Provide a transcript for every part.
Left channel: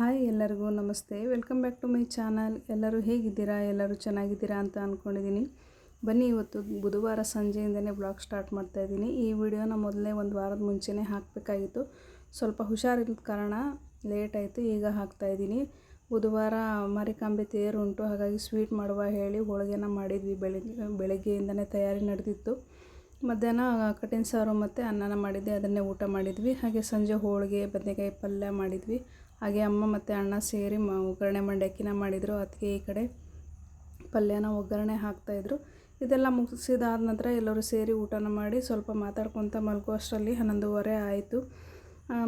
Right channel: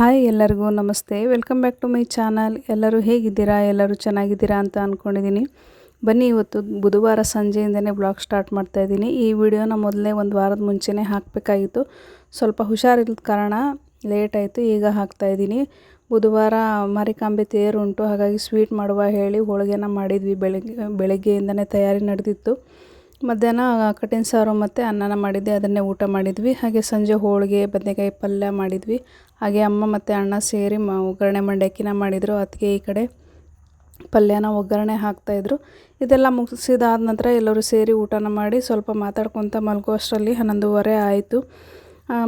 Hi ಎಲ್ಲರಿಗೂ ನಮಸ್ತೆ. Welcome back to my channel. ಎಲ್ಲರೂ ಹೇಗಿದ್ದೀರಾ? ಎಲ್ಲರೂ ಚೆನ್ನಾಗಿದ್ದೀರಾ ಅಂತ ಅಂದ್ಕೊಂಡಿದ್ದೀನಿ. ಬನ್ನಿ, ಇವತ್ತು ಬುಧವಾರ ಸಂಜೆಯಿಂದನೇ ಬ್ಲಾಗ್ ಸ್ಟಾರ್ಟ್ ಮಾಡ್ತಾಯಿದ್ದೀನಿ. ಈ ವಿಡಿಯೋನ ಮೊದಲೇ ಒಂದು ವಾರದ ಮುಂಚೆನೇ ಹಾಕಬೇಕಾಗಿತ್ತು. ಸ್ವಲ್ಪ ಹುಷಾರಿಲ್ಲದ ಕಾರಣ ಲೇಟ್ ಆಯಿತು. ಈಗ ಹಾಕ್ತಾಯಿದ್ದೀನಿ. ಬುಧವಾರ ಮಾರಿಕಾಂಬೆ ತೇರುಂಟು, ಹಾಗಾಗಿ ಸ್ವೀಟ್ ಮಾಡುವ ಹೇಳಿ ಹೋಳಿಗೆನ ಮಾಡಿದ್ವಿ. ಬೆಳಗ್ಗೆಯಿಂದನೇ ತಯಾರಿ ನಡೆದಿತ್ತು. ಮಧ್ಯಾಹ್ನ ಕಟ್ಟಿನ ಸಾರು ಮತ್ತು ಅನ್ನನ ಮಾಡಿದ್ದೆ, ಅದನ್ನೇ ಊಟ ಮಾಡಿದ್ವಿ. ಹಾಗೆ ಸಂಜೆ ಹೋಳಿಗೆ ಬದನೆಕಾಯಿ ಪಲ್ಯ ಮಾಡಿದ್ವಿ. ಹಾಗೆ ಅಮ್ಮ ಮತ್ತು ಅಣ್ಣ ಸೇರಿ ಒಗ್ಗರಣೆ ಮಂಡಕ್ಕಿನ ಮಾಡಿದರು. ಅದಕ್ಕೆ ಈ ಕಡೆ ಪಲ್ಯನ ಒಗ್ಗರಣೆ ಹಾಕ್ತಾಯಿದ್ರು. ಇದೆಲ್ಲ ಮುಗಿಸಿದಾದ ನಂತರ ಎಲ್ಲರೂ ಸೇರಿ ಊಟನ ಮಾಡಿ ಸ್ವಲ್ಪ ಮಾತಾಡ್ಕೊತ ಮಲಗುವಷ್ಟರಲ್ಲಿ 11:30 ಆಯಿತು.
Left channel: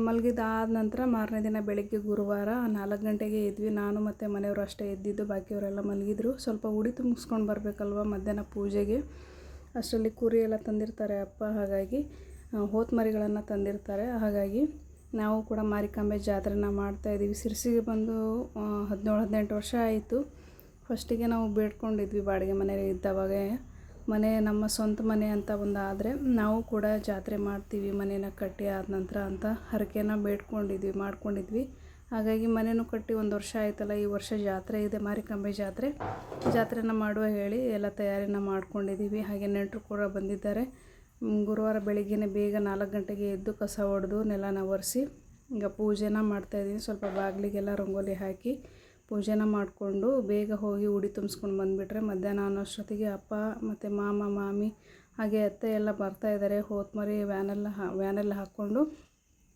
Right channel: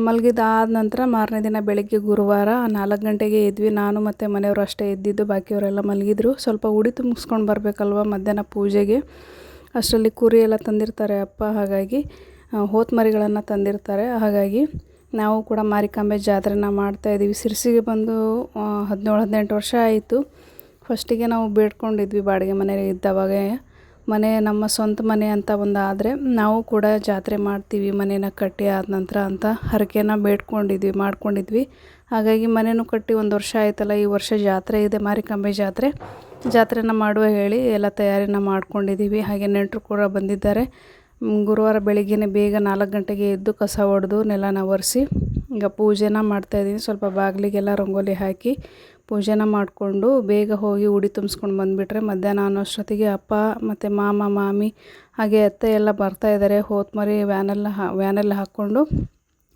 ಮಲಗಿದಾದ ನಂತರ ಮಾರನೇ ದಿನ ಬೆಳಗ್ಗೆ ಗುರುವಾರ 4 ಗಂಟೆಗೆ ಎದ್ವಿ. ನಾನು ಮತ್ತು ಮನೆಯವರು ಅಷ್ಟೇ ಎದ್ದಿದ್ದು, ಬಾಕಿಯವರೆಲ್ಲ ಮಲಗಿದ್ರು. ಸ್ವಲ್ಪ ಉಡಿ ತುಂಬಿಸ್ಕೊಂಡು ಬರಬೇಕಲ್ವ ಮಧ್ಯಾಹ್ನ ಪೂಜೆಗೆ. ಅಷ್ಟರಲ್ಲಿ ಕುರಿ ಎಲ್ಲ ತಂದಿರ್ತಾರೆ ಅಪ್ಪ, ಹಾಗಾಗಿ ಹೋತಮರಿಗಳನ್ನು ತಂದಿರ್ತಾರೆ. ಹಾಗಾಗಿ ನಾವು ಕೂಡ ಮಾರಿಕಾಂಬೆ ಜಾತ್ರೆನ ಮಾಡ್ತಾಯಿದ್ದೀವಿ. ಸಿರ್ಸಿಗೆ ಬಂದು 17-18 ವರ್ಷ ಆಯಿತು. ಫಸ್ಟಿಗೆ ನಾವು ಬೇಡ್ಕೊಂಡಿದ್ವಿ ಬಾಡಿಗೆ ಮನೆ ಇದ್ದವಾಗ. ಮನೆ ನಮ್ಮ ಸ್ವಂತ ಮನೆ ಅಂತ ಒಂದು ಆದರೆ ನಾವು ಕೂಡ ಜಾತ್ರೆ ಮಾಡ್ತೀವಿ ಮನೇನ ಕಟ್ಟಿ ಆದ ನಂತರ ಅಂತ ಹರಕೆನ ಮಾಡ್ಕೊಂಡಿದ್ವಿ. ಹಾಗಾಗಿ ಮನೆಯೂ ಕಟ್ಟಿ 1 ವರ್ಷ ಆಯ್ತಲ್ಲ, ಈ ವರ್ಷ ಜಾತ್ರೆ ಇದೆ, ಮಾರಿಕಾಂಬೆ ಜಾತ್ರೆನ ಮಾಡುವ ಹೇಳಿ ಎಲ್ಲ ತಯಾರಿನ ಮಾಡ್ಕೊಂಡಿದ್ದೀವಿ. ಹಾಗೆ ನೆಂಟರು ಕೂಡ ಬಂದಿದ್ದಾರೆ. ಗುರುವಾರ ಬೆಳಿಗ್ಗೆ ಬೇಗ 4 ಗಂಟೆಗೆ ಎದ್ದು ಕಸ ಹೊಡೆದು ನೆಲನ ಒರೆಸಿ ಈಗ ಪೂಜೆನ ಮಾಡ್ತಾಯಿದ್ದೀನಿ. ಸ್ವಲ್ಪ ಬಾಗಿಲಿಗೆಲ್ಲ ರಂಗೋಲಿ ಹಾಕಿ ಪೂಜೆನ ಮಾಡಿಕೊಂಡು ಬೇಗ ಹೋಗಿ ಉಡಿ ತುಂಬಿಸ್ಕೊಂಡು ಬಂದುಬಿಟ್ರೆ ಮಧ್ಯಾಹ್ನ ಅನ್ನೋಷ್ಟೊತ್ತಿಗೆ ಅಪ್ಪ ಮತ್ತು ಮಾಮಿ ಹಾಗೆ ಅತ್ತೆ ಎಲ್ಲ ಬರ್ತಾಯಿದ್ದಾರೆ. ಹೋತಮರಿ ವ್ಯಾನೆಲ್ಲ ಹಾಕ್ಕೊಂಡು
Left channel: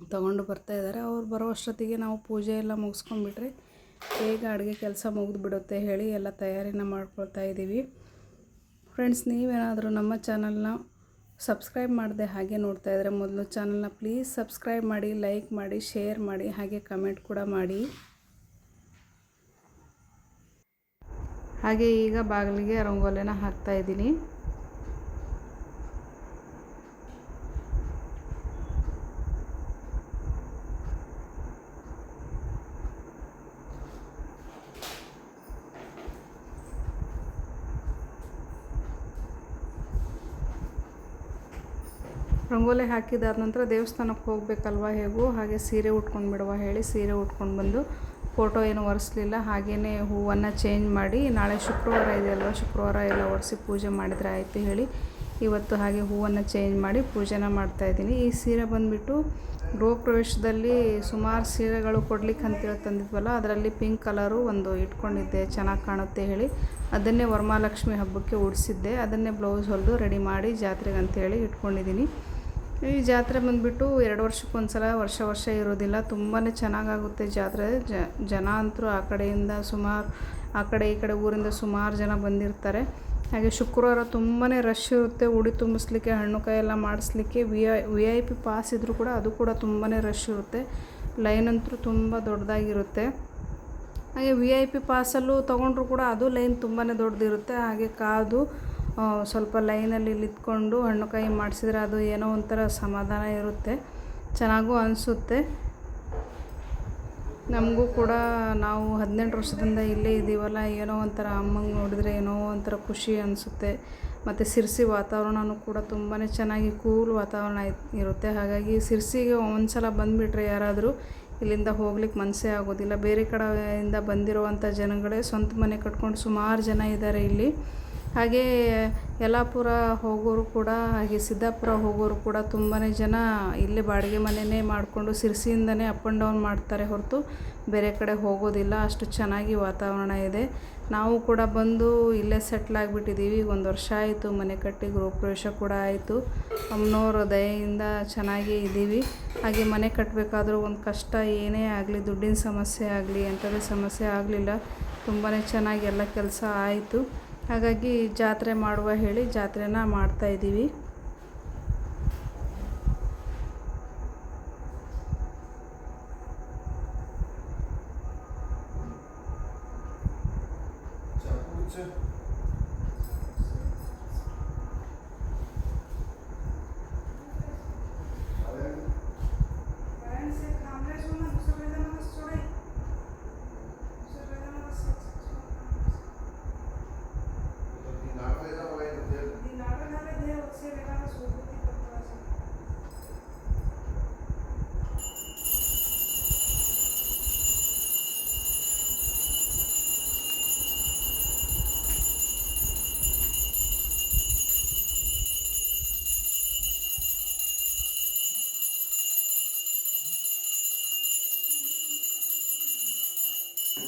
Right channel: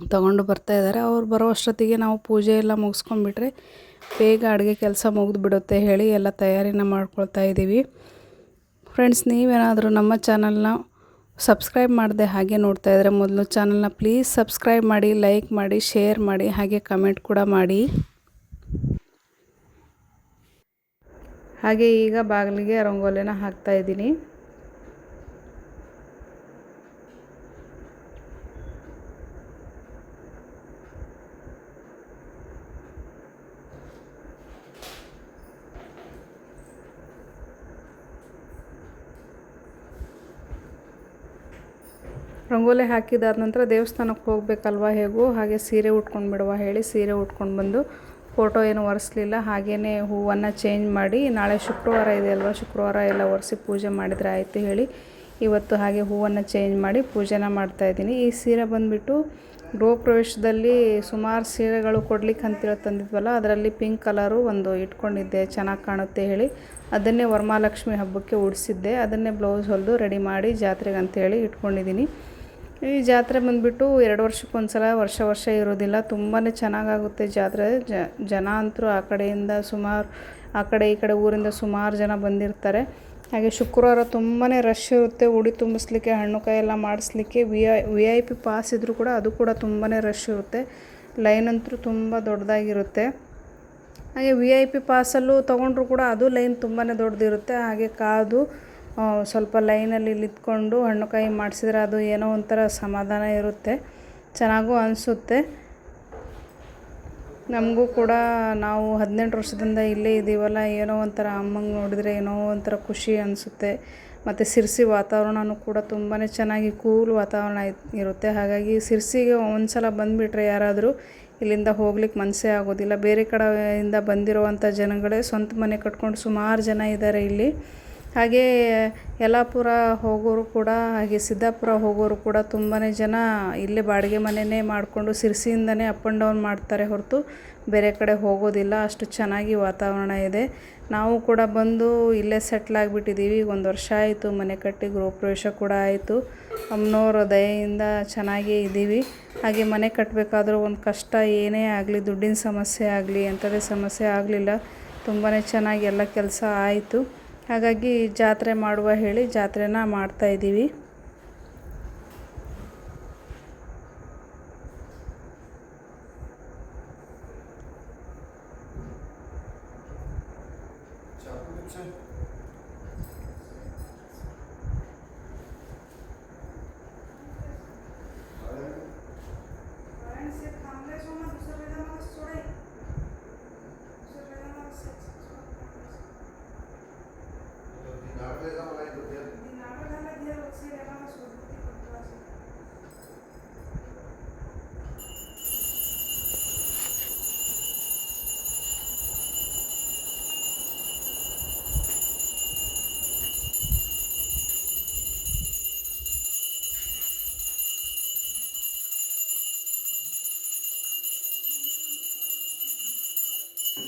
ತೊಗೊಂಡು ಬರ್ತಾಯಿದ್ದಾರೆ. ಅವ್ರು ಬರೋ ಅಷ್ಟೊತ್ತಿಗೆ ನಾವು ಪೂಜೆ ಎಲ್ಲ ಮುಗಿಸ್ಕೊಂಡ್ಬಿಟ್ರೆ ಬೇಗ ಅಡುಗೆ ಕೆಲಸ ಮುಗಿದ್ಬಿಡುತ್ತೆ ಹೇಳಿ ಎಲ್ಲ ತಯಾರಿನ ಮಾಡ್ಕೊಳ್ತಾ ಇದ್ದೀವಿ. ಫ್ರೆಂಡ್ಸ್, ನೀವೇನಾದರೂ ನಮ್ಮ ಚಾನಲ್ನ ಸಬ್ಸ್ಕ್ರೈಬ್ ಮಾಡದೆ ಹಾಗೆ ನೋಡ್ತಾ ಇದ್ದರೆ ಮೊದಲು ಚಾನಲ್ನ ಪ್ಲೀಸ್ ಸಬ್ಸ್ಕ್ರೈಬ್ ಮಾಡಿ, ಲೈಕ್ ಮಾಡಿ, ಶೇರ್ ಮಾಡಿ, ಹಾಗೆ ಕಮೆಂಟ್ ಕೂಡ ಮಾಡಿ. ಹಾಗೆ ಈಗ ಬಾಗಿಲಿಗೆ ರಂಗೋಲಿನ ಹಾಕ್ತಾಯಿದ್ದೀನಿ. ರಂಗೋಲಿ ಹಾಕಿದಾದ ನಂತರ ದೇವಸ್ಥಾನಕ್ಕೆ ಹೋಗಬೇಕಲ್ವ ಹೇಗೂ, ಹಾಗೆ ಸೀರೆ ಉಟ್ಕೊಂಡು ಬಿಡುವ ಹೇಳಿ ಸೀರೆ ಉಟ್ಕೊಂಡು ಬಂದು ಫೋಟೋ ಏನು ಒರೆಸ್ಲಿಲ್ಲ. ಹಾಗೆಯೇ ಹೂವನ್ನು ಚೇಂಜ್ ಮಾಡಿ, ನಾಳೆ ಶುಕ್ರವಾರ ಇದೆಯಲ್ವ, ಶುಕ್ರವಾರ ಎಲ್ಲ ಒರೆಸಿ ಪೂಜೆ ಮಾಡಿದರೆ ಆಯಿತು ಹೇಳಿ ಇವತ್ತು ಹಾಗೆ ಹೂವನ್ನು ಚೇಂಜ್ ಮಾಡಿ ಪೂಜೆನ ಮಾಡ್ತಾಯಿದ್ದೀನಿ. ಈ ಸೀರೆ ಬಂದುಬಿಟ್ಟು ಗೃಹ ಪ್ರವೇಶದಲ್ಲಿ ಸುಮಾರು ಸೀರೆಗಳು ಕೊಡ್ಲಿಕ್ಕೆ ಅಂತೇಳಿ ತಂದಿದ್ವಲ್ಲ, ಅದರಲ್ಲಿ ಪಿಂಕ್ ಕಲರು ಒಂದು ಇಟ್ಕೊಂಡಿದ್ದೆ, ಚೆನ್ನಾಗಿ ಕಾಣುತ್ತೆ ಹೇಳಿ ಅದನ್ನೇ ವರಮಹಾಲಕ್ಷ್ಮಿ ಹಬ್ಬಕ್ಕೆ ಉಡಿಸಿದ್ದೆ. ಅದನ್ನೇ ಬ್ಲೌಸ್ ಹೊಲಿದು ರೆಡಿ ಮಾಡಿ ಜಾತ್ರೆಗೆ ಅಂಥೇಳಿ ಇಟ್ಕೊಂಡಿದ್ದೀನಿ. ಈ ಜಾತ್ರೆ ಬಂದುಬಿಟ್ಟು 2 ವರ್ಷಕ್ಕೊಂದು ಸಲ, ವರ್ಷ ಇರೋದಿಲ್ಲ. ತುಂಬಾ ಚೆನ್ನಾಗಾಗುತ್ತೆ ಜಾತ್ರೆ. ಜನ ಅಂತರೂ ಆ ಕಡೆಯಿಂದ ಸುಮಾರು, ಆ ಕಡೆ ಈ ಕಡೆ ಊರಿಂದ ಸುಮಾರು ಜನ ಬಂದಿರ್ತಾರೆ. ಹಾಗೆ ಶುಕ್ರವಾರ ತುಂಬಾ ರಶ್ ಇರುತ್ತೆ. ಉಡಿ ತುಂಬಿಸ್ಲಿಕ್ಕೆ, ಹಣ್ಣು ಕಾಯಿ ಎಲ್ಲ ಮಾಡಿಸ್ಲಿಕ್ಕೆ VIP ಪಾಸ್ ಇದ್ದರೂ ಕೂಡ ಅದು ಕೂಡ ತುಂಬಾ ರಶ್ ಇರುತ್ತೆ. ಲೈನ್ ಅಂತೂ ತುಂಬ ದೊಡ್ಡದಾಗಿರುತ್ತೆ. ಹಾಗೆ VIP ಪಾಸಲ್ಲೂ ತೊಗೊಂಡ್ರು ಕೂಡ ಅದು ಲೈನ್ ತುಂಬಾ ದೊಡ್ಡದಿರುತ್ತೆ. ಹಾಗೆ ಕಾದು ಸ್ವಲ್ಪ ಲೈನಲ್ಲಿ ನಿಂತ್ಕೊಂಡು ಹಣ್ಣು ಕಾಯಿ ಮಾಡಿಸಿದ್ರೆ ಅದು ಏನೋ ಒಂಥರ ಸಮಾಧಾನ ಇರುತ್ತೆ, ಚೆನ್ನಾಗೂ ಅನಿಸುತ್ತೆ. ನಮಗೂ ಕೂಡ ನಾವು 18 ವರ್ಷದಿಂದ ಇಲ್ಲೇ ಇದ್ದೀವಲ್ಲ, ಏನೋ ಒಂಥರ ಅಮ್ಮಂಗೆ ನೋಡಿದರೆ ಏನೋ ಒಂಥರ ಖುಷಿ ಅನಿಸುತ್ತೆ. ಮತ್ತು ಸಿರ್ಸಿ ವಾತಾವರಣವೂ ಕೂಡ ತುಂಬಾ ಚೆನ್ನಾಗಿ ಕೂಲ್ ವಾತಾವರಣ ಇರುತ್ತೆ. ಹಾಗಾಗಿ ಸಿರ್ಸಿಗೆ ಒಂದು ಸಲ ಬಂದುಬಿಟ್ರೆ ಯಾರಾದರೂ ಇಲ್ಲಿಂದ ಹೋಗ್ಲಿಕ್ಕೆ ಮನಸ್ಸೇ ಆಗೋದಿಲ್ಲ. ಬೇರೆ ಕಡೆಯಿಂದ ಬಂದಿರುವಂಥ ಜನಗಳೇ ಸ್ವಂತ ಮನೆ ಕಟ್ಕೊಂಡು ಸುಮಾರು ಜನ ಇದ್ದಾರೆ ಇಲ್ಲಿ. ಹಾಗೆ ಯಲ್ಲಾಪುರ ಹೋಗೋರು ಕೂಡ, ಹಾಗೆ ಸಿದ್ದಾಪುರ ಹೋಗೋರು ಕೂಡ ತುಂಬಾ ಜನ ಇಲ್ಲೇ ಬಾಡಿಗೆ ಮನೆಯೇ ಮಾಡಿಕೊಂಡು ಸಿರ್ಸಿಯಿಂದನೇ ಅಪ್ ಆ್ಯಂಡ್ ಡೌನ್ ಮಾಡ್ತಾರೆ ಹೊರತು ಬೇರೆ ಕಡೆ ಹೋಗೋದಿಲ್ಲ. ಅಷ್ಟು ಚೆನ್ನಾಗಿ ವಾತಾವರಣ ಇದೆ. ನಾವು ಕೂಡ ಬಂದು ಇಲ್ಲೇ ಸೆಟ್ಲ್ ಆಗಿಬಿಟ್ಟಿದ್ದೀವಿ. 1 ವರ್ಷ ಆಯಿತು ಮನೆ ಕಟ್ಟಿ, ಗೃಹ ಪ್ರವೇಶ ಕೂಡ ಆಯಿತು. ಅಮ್ಮನವ್ರ ದಯೆಯಿಂದ ಚೆನ್ನಾಗೇ ಇದ್ದೀವಿ. ಹಾಗೆ ಮನೆ ಕಟ್ಟಬೇಕಾದ್ರೂ ಒಂದು ಕಷ್ಟ ಏನೇ ಆಗಲಿ, ದುಡ್ಡಿನ ಸಮಸ್ಯೆ ಆಗಲಿ, ಎಂಥದೇ ಸಮಸ್ಯೆ ಆಗಲಿಲ್ಲ. ತುಂಬಾ ಚೆನ್ನಾಗಿ ಎಲ್ಲ ಕೆಲಸ ಆಯಿತು. ಹಾಗಾಗಿ ಜಾತ್ರೆ ಮಾಡುವ ಹೇಳಿ ಜಾತ್ರೆನ ಮಾಡ್ತಾಯಿದ್ದೀವಿ. ಹಾಗೆ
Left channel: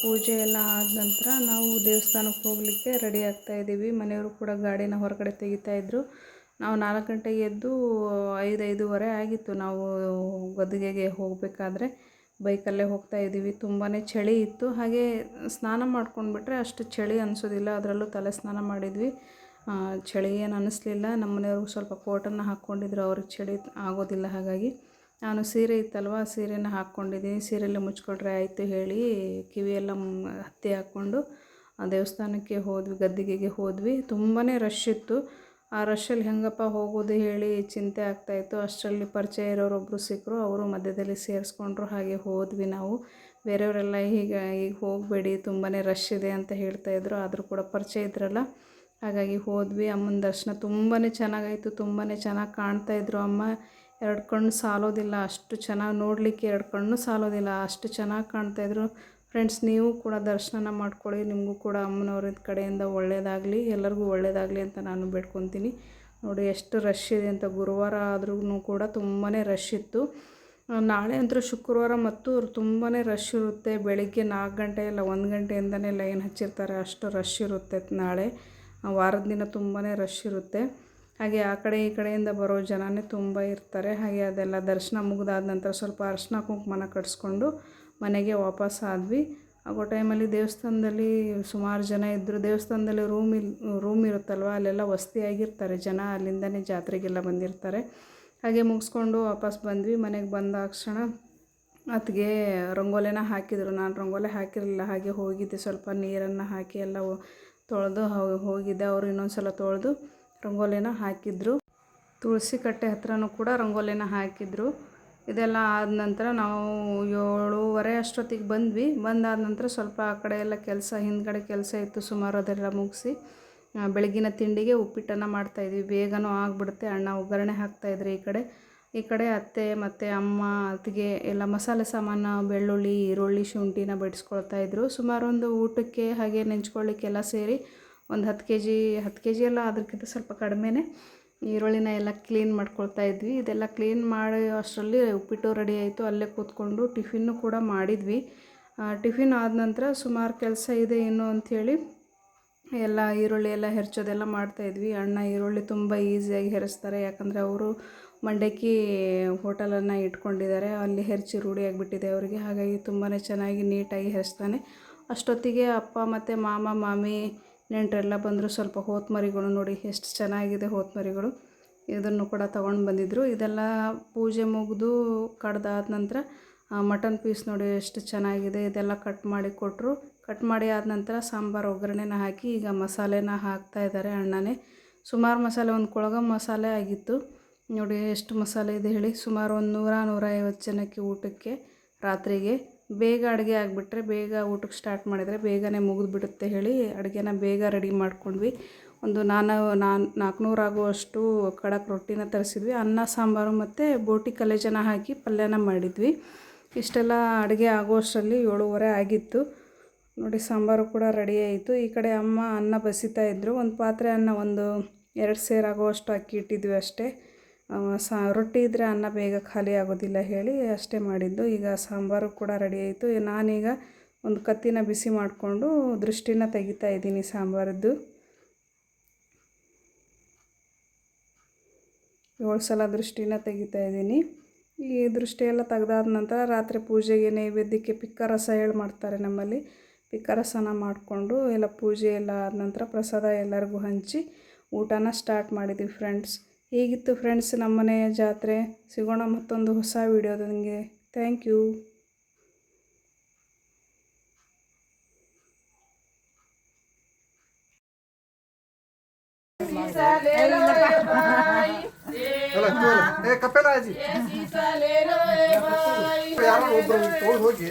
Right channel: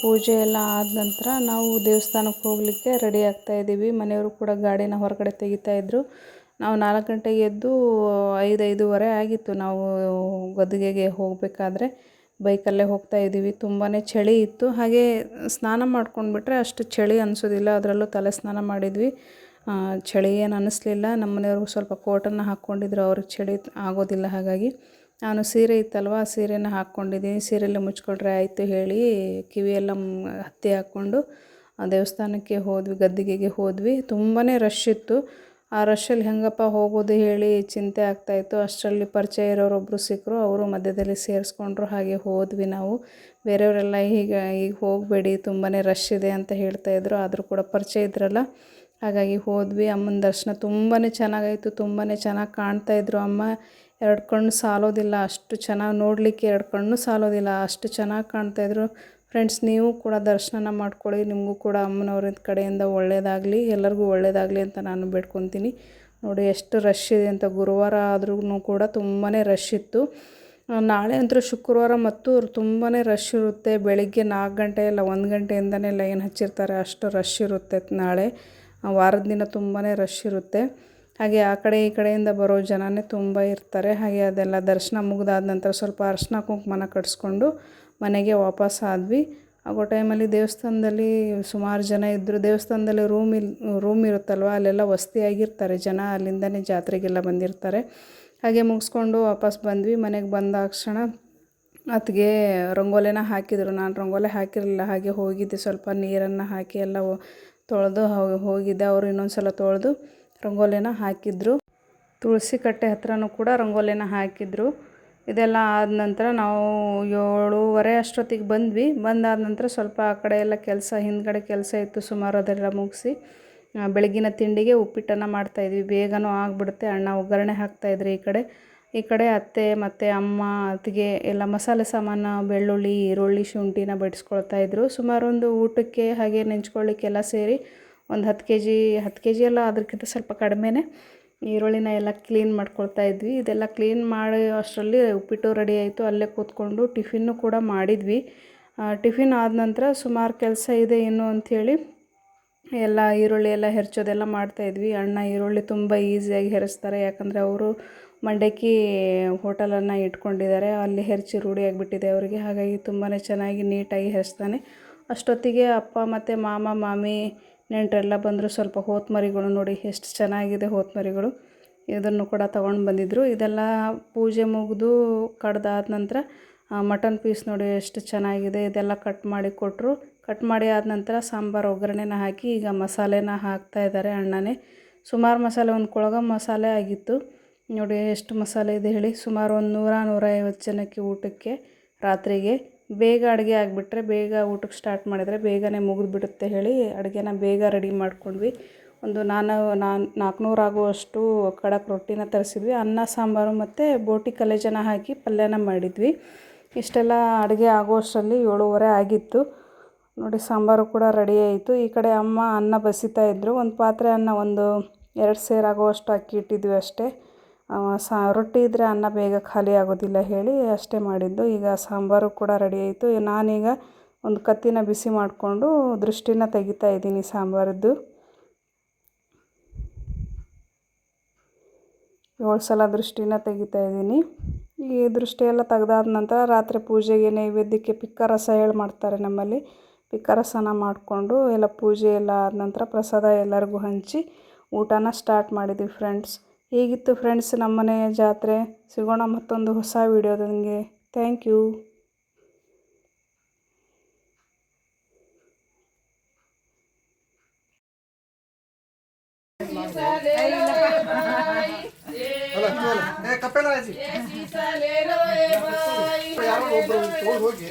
ಪೂಜೆ ಎಲ್ಲ ಆದ ನಂತರ ನಾವು ದೇವಸ್ಥಾನಕ್ಕೆ ಹೋಗಲಿಕ್ಕೆ ರೆಡಿ ಆಗ್ತಾಯಿದ್ದೀವಿ. ಮನೆಯವರು ಕೂಡ ಗಾಡಿನ ಹೊರಗಡೆ ತೆಗಿತಾಯಿದ್ರು. ನಾವು 4 ಗಂಟೆಗೆ ಎದ್ದು 5:05 ಆಗಿತ್ತು ನಾವು ಗದ್ದುಗೆಗೆ ಹೋಗಬೇಕಾದ್ರೆ. ಬೈಕಲ್ಲೇ ಹೋಗ್ತಾಯಿದ್ದೀವಿ. ತುಂಬಾ ಚಳಿ ಇತ್ತು. ಹಾಗೆ ಸ್ನಾನ ಮಾಡ್ಕೊಂಡ್ಬಿಟ್ರೆ ಅಷ್ಟು ಚಳಿ ಅನಿಸೋದಿಲ್ಲ. ಅದರಲ್ಲೂ ತಲೆ ಸ್ನಾನ ಮಾಡಿದ್ವಿ. ಚಳಿ ಏನು ಅನ್ನಿಸ್ಲಿಲ್ಲ. ನಮ್ಮ ಮನೆಯವ್ರಿಗೂ ಸ್ವಲ್ಪ ಕೋಟನ್ನು ಹಾಕ್ಕೊಂಡಿದ್ರು, ಅವ್ರಿಗೆ ಚಳಿ ಆಗೋದಿಲ್ಲ. ಹಾಗಾಗಿ ನಾನು ಸೀರೆ ಇತ್ತಲ್ವ, ಸೀರೆನ ಹಾಕ್ಕೊಂಡಿದ್ದೀನಿ. ಸೀರೆಯಲ್ಲೇ ಮುಚ್ಕೊಂಡ್ರೆ ಆಯಿತು ಹೇಳಿ ಕಿವಿಯೆಲ್ಲ ಹತ್ತಿ ಹಾಕ್ಕೊಂಡು ದೇವಸ್ಥಾನಕ್ಕೆ ಹೋದ್ವಿ, ಗದ್ದಿಗೆಗೆ ಹೋದ್ವಿ. ತುಂಬಾ ರಶ್ ಇತ್ತು. ಆ ರಶಲ್ಲಿ ಹೆಂಗಪ್ಪ ಹೋಗೋದು ಹೇಳಿ ಚಿಂತೆ ಆಗ್ತಾಯಿತ್ತು. ಅಷ್ಟರಲ್ಲಿ ಪರಿಚಯ ಇರೋರೊಬ್ಬರು ಸಿಕ್ಕರು, ಅವರು ಮಧ್ಯದಲ್ಲಿ ಸೇರಿಸ್ಕೊಂಡ್ರು. ಹಾಗೆ ಹೋದ್ವಿ ನಾವು. ಬೇರೆಯವರೆಲ್ಲ ಈಗ ಹೋಗಬೇಡಿ, ತುಂಬಾ ರಶ್ ಇದೆ ಅಂತ ಹೇಳ್ತಾಯಿದ್ರು. ಆದರೂ ಕೂಡ ಪರಿಚಯ ಇದ್ರಲ್ಲ, ಹಾಗಾಗಿ ಹೋದ್ವಿ. ಅಮ್ಮನ ದರ್ಶನ ತುಂಬಾ ಚೆನ್ನಾಗಾಯಿತು. ತುಂಬಾ ಚೆನ್ನಾಗಿ ಕಾಣ್ತಾಯಿದ್ರು ಅಮ್ಮ. 2 ಕಣ್ಣು ಸಾಲೋದಿಲ್ಲ, ಅಷ್ಟು ಚೆನ್ನಾಗಿ ನೋಡಲಿಕ್ಕೆ 2 ಕಣ್ಣು ಸಾಲೋದಿಲ್ಲ, ಅಷ್ಟು ಚೆನ್ನಾಗಿ ಕಾಣ್ತಾಯಿದ್ರು. ಫ್ರೆಂಡ್ಸ್, ನೀವು ಕೂಡ ದರ್ಶನ ಮಾಡ್ಕೊಳ್ಳಿ. ನಿಮಗೂ ಕೂಡ ಅಮ್ಮನವ್ರ ಕಡೆಯಿಂದ ಒಳ್ಳೆಯದಾಗಲಿ, ಎಲ್ಲರಿಗೂ ಒಳ್ಳೆಯದಾಗಲಿ ಅಂತ ನಾನು ಬೇಡ್ಕೊತೀನಿ. ನೋಡಿ ಎಷ್ಟು ರಶ್ ಇದೆ ಅಂತ. ಗುರುವಾರ ಆದ್ರೂ ಕೂಡ ತುಂಬಾ ರಶ್ ಇತ್ತು. ನಾಳೆ ಅಂತೂ ಶುಕ್ರವಾರ ಮತ್ತು ತುಂಬಾ ರಶ್ ಇರುತ್ತೆ. ಬೆಳಿಗ್ಗೆ 4 ಗಂಟೆ ಇಲ್ಲ 1 ಗಂಟೆಯಿಂದನೇ ಲೈನ್ ಹಚ್ಚಿರ್ತಾರೆ, ಅಷ್ಟು ರಶ್ ಇರುತ್ತೆ ನಾಳೆ. ವಾರದ ದಿನ ತುಂಬಾ ರಶ್ ಇರುತ್ತೆ. ಹಾಗೆ ಆ ಕಡೆ ಈ ಕಡೆಯಿಂದ ಬರೋ ಜನನೇ ತುಂಬ ಇರ್ತಾರೆ. ಹಾಗೆ ಅದೆಲ್ಲ ದರ್ಶನ ಮುಗಿದಾದ ನಂತರ ಸ್ವಲ್ಪ ಅರಿಶಿನ ಕುಂಕುಮನ ಕಟ್ಸ್ಕೊಂಡು ಮನೆಗೆ ವಾಪಸ್ ಆದ್ವಿ. ಆಗೋ ಟೈಮಲ್ಲಿ ದೇವಸ್ಥಾನದಲ್ಲಿ ಸುಮಾರು ಜನ ಇದ್ದರು. ದೇವಸ್ಥಾನದಲ್ಲಿ ರೂಮ್ ಇರುತ್ತಲ್ವ, ಅಲ್ಲೆಲ್ಲ ವಸತಿಯಾಗಿರ್ತಾರೆ ಜನ. ಅಲ್ಲಿಂದನೇ ಜಾತ್ರೆಗೆಲ್ಲ ಬಂದಿರ್ತಾರೆ. ಹಾಗೆ ಮುಗಿಸ್ಕೊಂಡು ವಾಪಸ್ ಬಂದ್ವಿ. ಮನೆಗೆ ಬಂದಾಕ್ಷಣ ಅತ್ತಿಗೆ ರಂಗೋಲಿನ ಹಾಕಿದರು. ನಾನು ರಂಗೋಲಿ ಹಾಕಿರಲಿಲ್ಲ. ಹಾಗೆ ಹೋಗಿದ್ದೆ, ಸ್ವಲ್ಪ ನೀರನ್ನು ಹಾಕಿ ಎಲ್ಲ ತೊಳೆದು ಹೋಗಿದ್ದೆ. ಅವರು ಇನ್ನೊಂದು ಸಲ ತೊಳೆದು ರಂಗೋಲಿನ ಹಾಕಿದ್ರು. ತುಳಸಿ ಕಟ್ಟೆ ಹತ್ರನೂ ಕೂಡ ರಂಗೋಲಿನ ಹಾಕಿದ್ರು. ಇದೆಲ್ಲ ಆದ ನಂತರ ನಾವು 7:30 ಅಷ್ಟೊತ್ತಿಗೆ ಬಂದ್ವಿ. ಬಂದಾದ ನಂತರ ಸ್ವಲ್ಪ ಆ ಕಡೆ ಎಲ್ಲ ಕೆಲಸ, ಹಿಂದ್ಗಡೆ ಕೆಲಸ ಇತ್ತು ಸುಮಾರು, ಅದೆಲ್ಲ ಮುಗಿಸಿ ಬೆಳಗಿನ ತಿಂಡಿಗೆ ಉಪ್ಪಿಟ್ಟನ್ನು ಮಾಡ್ತಾಯಿದ್ವಿ. ಬೇಗನೂ ಆಗಿಬಿಡುತ್ತೆ. ಅಣ್ಣ ಒಗ್ಗರಣೆ ಹಾಕ್ತಾಯಿದ್ರು. ಈ ಕಡೆ ಅತ್ತೆ ಮತ್ತು ಅಮ್ಮ ಅತ್ತಿಗೆ ಎಲ್ಲ ಮಸಾಲೆ ಸಾಮಾನು, ಬೆಳ್ಳುಳ್ಳಿ, ಈರುಳ್ಳಿ, ಶುಂಠಿನ ಬಡಿಸ್ಕೊಳ್ತಾಯಿದ್ರು. ಸುಮಾರು ಒಂದು ಊಟಕ್ಕೆ ಹಾಗೆ ನೆಂಚ್ಕೊಳ್ಳಿಕ್ಕೆಲ್ಲ ಸೇರಿ ಒಂದು 10 ಕೆ ಜಿ ಎಲ್ಲ, ಅದಕ್ಕಿಂತ ಸ್ವಲ್ಪ ಕಡಿಮೆನೇ ಈರುಳ್ಳಿನ ಎಲ್ಲ ಕ್ಲೀನ್ ಮಾಡ್ಕೊಳ್ತಾಯಿದ್ವಿ. ಇದೆಲ್ಲ ಕ್ಲೀನ್ ಮಾಡಿ ಅಷ್ಟರಲ್ಲಿ ಉಪ್ಪಿಟ್ಟು ರೆಡಿ ಆಯಿತು. ಅಲ್ಲೇ ಕೂತ್ಕೊಂಡು ಟಿಫಿನ್ನು ಕೂಡ ಮಾಡಿದ್ವಿ. ಟಿಫಿನ್ ಆದ ನಂತರ ಸುಮಾರು ಕೆಲಸ ಇದೆ ಇನ್ನು ಅಂಥೇಳಿ ಎಲ್ಲ ಈರುಳ್ಳಿ ಎಲ್ಲ ಹೆರ್ಚೋದೆಲ್ಲ ಮಾಡ್ತಾಯಿದ್ವಿ. ಅಣ್ಣ ಈರುಳ್ಳಿ ತುಂಬ ಈಸಿಯಾಗಿ ಹೆರಿಸ್ತಾರೆ. ಯಾಕಂದರೆ ಅವರು ಮಂಡಕ್ಕಿ ಹೋಟೆಲನ್ನು ಇಟ್ಕೊಂಡಿದ್ದಾರೆ, ಅಲ್ಲಿ ಹೆರ್ಚಿ ರೂಢಿಯಾಗಿಬಿಟ್ಟಿದೆ ಅವರಿಗೆ. ಹಾಗಾಗಿ ತುಂಬಾ ಚೆನ್ನಾಗಿ ನೀಟಾಗಿ ಹೆರಿಸ್ತಾನೆ. ಅಷ್ಟೊತ್ತಿಗೆ ಅಪ್ಪ ಮತ್ತು ಮಾಮ ಮಾಮಿ ನೆಂಟರೆಲ್ಲ ಬಂದರು. ಸ್ವಲ್ಪ ಹೋತಮರಿಗಳು ನೋಡಿ ಎಷ್ಟು ಚೆನ್ನಾಗಿದೆ ಹೋತಮರಿಗಳು, ಇದನ್ನು ಕೂಡ ತೊಗೊಂಡು ಬಂದಿದ್ದರು. ಇದೆಲ್ಲ ಪೂಜೆ ಮುಗಿದು ಕಡ್ದಾದ ನಂತರ ಮಟನ್ ಪೀಸ್ ನೋಡಿ ಎಷ್ಟು ಚೆನ್ನಾಗಿದೆ, ಇದೆಲ್ಲ ಕಟ್ ಮಾಡಿ ಕೊಟ್ಟರು. ಕಟ್ ಮಾಡಿ ಆದ ನಂತರ ಸಾಂಬಾರು ಒಗ್ಗರಣೆನ ಹಾಕಿ ಈಗ ಮಸಾಲೆನ ಹಾಕ್ತಾಯಿದ್ದಾರೆ ಅಣ್ಣನೇ. ಸುಮಾರು ಮಸಾಲೆ, ಒಂದು ಕೊಳಗ ಮಸಾಲೆ ಆಗಿತ್ತು ನೋಡಿ. ಎಷ್ಟು ಮಸಾಲೆ ಇದೆ ಹೇಳಿ. ಸುಮಾರು ಒಂದು 100-150 ಜನಕ್ಕೆ ಊಟಕ್ಕೆ ರಾತ್ರಿಗೆ. ಬೇಗ ಅಡುಗೆ ಆಗಿಬಿಟ್ರೆ, ಬೇಗ ಊಟಕ್ಕೆ ಸ್ಟಾರ್ಟ್ ಮಾಡಿದರೆ ಬೇಗನೆ ಮುಗಿದ್ಬಿಡುತ್ತೆ ಹೇಳಿ ಅಡುಗೆನ ಬೇಗ ರೆಡಿ ಮಾಡ್ಕೊಂಡ್ವಿ. ಒಂದು 400 ಆಗುವಷ್ಟು ಖಡಕ್ ರೊಟ್ಟಿನ ತರಿಸಿದ್ವಿ. ಅನ್ನ ಸಾಂಬಾರು ಮತ್ತು ಬೋಟಿ ಕಲೇಜನ ಹಾಕಿ ಪಲ್ಯನ ಮಾಡಿದ್ವಿ. ಇಷ್ಟೆಲ್ಲ ಅಡುಗೆ ಆಗೋಷ್ಟರಲ್ಲಿ 7:30 ಆಗಿತ್ತು ನೋಡಿ. ಸಾಂಬಾರು ಕೂಡ ರೆಡಿ ಆಯಿತು. ಈ ಕಡೆ ಅಮ್ಮ ಅನ್ನ ಬಸಿತಾಯಿದ್ರು. ಒಂದು ಪಾತ್ರೆ ಅನ್ನ, ಒಂದು 2 ಸೇರು ಆಗುವಷ್ಟು ಅಕ್ಕಿ ಇಟ್ಟಿದ್ವಿ ಅಷ್ಟೇ. ರೊಟ್ಟಿ ಇದ್ದರೆ ಅನ್ನ ಬೇಗ ಖಾಲಿ ಆಗೋದಿಲ್ಲ ಹೇಳಿ ಅಷ್ಟೇ ಮಾಡಿದ್ದು. ಈಗ ಸಾಂಬಾರು ಕೂಡ ರೆಡಿ ಆಯಿತು. ನಾನೀಗ ಒಂದು ಕತ್ತಿನ ಬಿಸಿ ಮಾಡಿಕೊಂಡು ದೃಷ್ಟಿನ ತೆಗಿತಾ ಇದ್ದೀನಿ ಸಾಂಬಾರದ್ದು. 7 ಸಲ ದೃಷ್ಟಿನ ತೆಗಿತಾ ಇದ್ದೀನಿ. ಈ ದೃಷ್ಟಿ ಎಲ್ಲ ತೆಗೆದಾದ ನಂತರ ರಾತ್ರಿ ಪೂಜೆಗೆ ನೈವೇದ್ಯಕ್ಕೆ ಪಿಕ್ಕ ರಸ ಹೇಳಿ ಮಾಡ್ತಾರೆ ನಮ್ಮಲ್ಲಿ. ಪಿಕ್ಕ ರಸನ ಮಾಡಿಕೊಂಡು ಎಲ್ಲ ಪೂಜೆ ಎಲ್ಲ ಆದ ನಂತರ ಪ್ರಸಾದ ಎಲ್ಲರಿಗೂ ಹಂಚಿ ಊಟನ ಸ್ಟಾರ್ಟ್ ಮಾಡಿದ್ವಿ ಫ್ರೆಂಡ್ಸ್. ಹೇಗಿತ್ತು ಫ್ರೆಂಡ್ಸ್ ನಮ್ಮನೆಯ ಜಾತ್ರೆ? ಸಿಗೋಣ ಮತ್ತೊಂದು ಹೊಸ ವಿಡಿಯೋದೊಂದಿಗೆ. Thank you. ಹೋಗಿ